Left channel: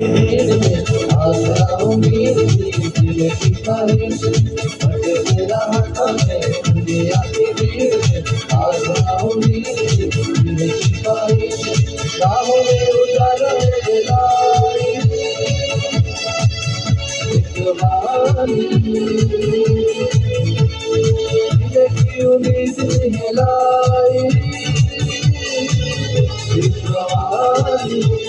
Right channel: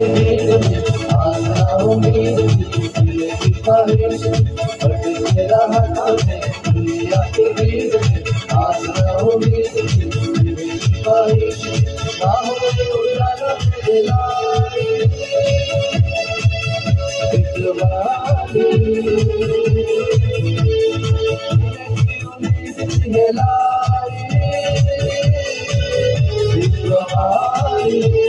भीड़ में आसरा उम्मीद दिल की ख्वाहिश बट तेरा हाथों में दुनिया की भीड़ में आसरा उम्मीद दिल की ख्वाहिश राहों में उजाला मेरे लाई एक बारी दिल की उम्मीद है लाई एक बारी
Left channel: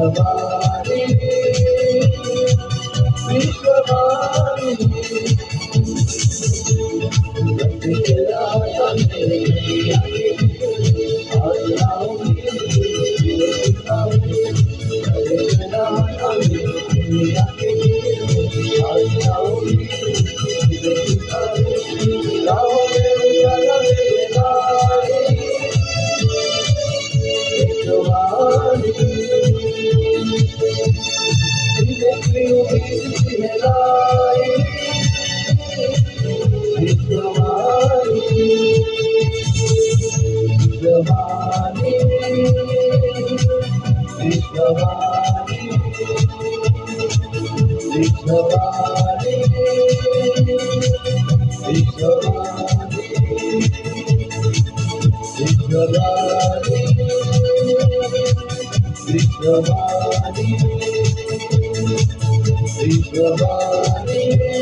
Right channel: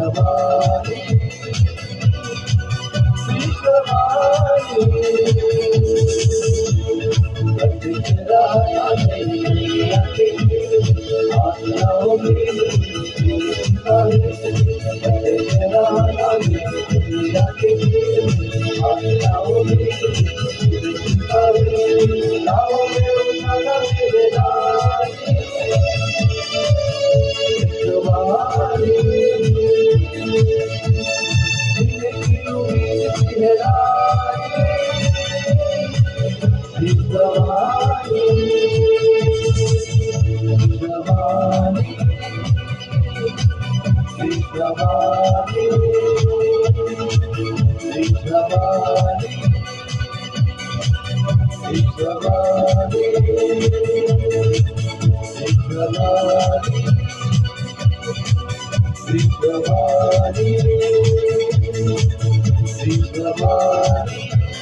विश्ववाणी विश्ववाणी तेरा दुनिया के आज लाओगे दिल की पानी तेरा दुनिया के आज लाओगे दिल की पानी लाओगे उजाला मेरे लाए विश्ववाणी दिल की उम्मीद सिहराए विश्ववाणी विश्ववाणी विश्ववाणी विश्ववाणी विश्ववाणी विश्ववाणी विश्ववाणी विश्ववाणी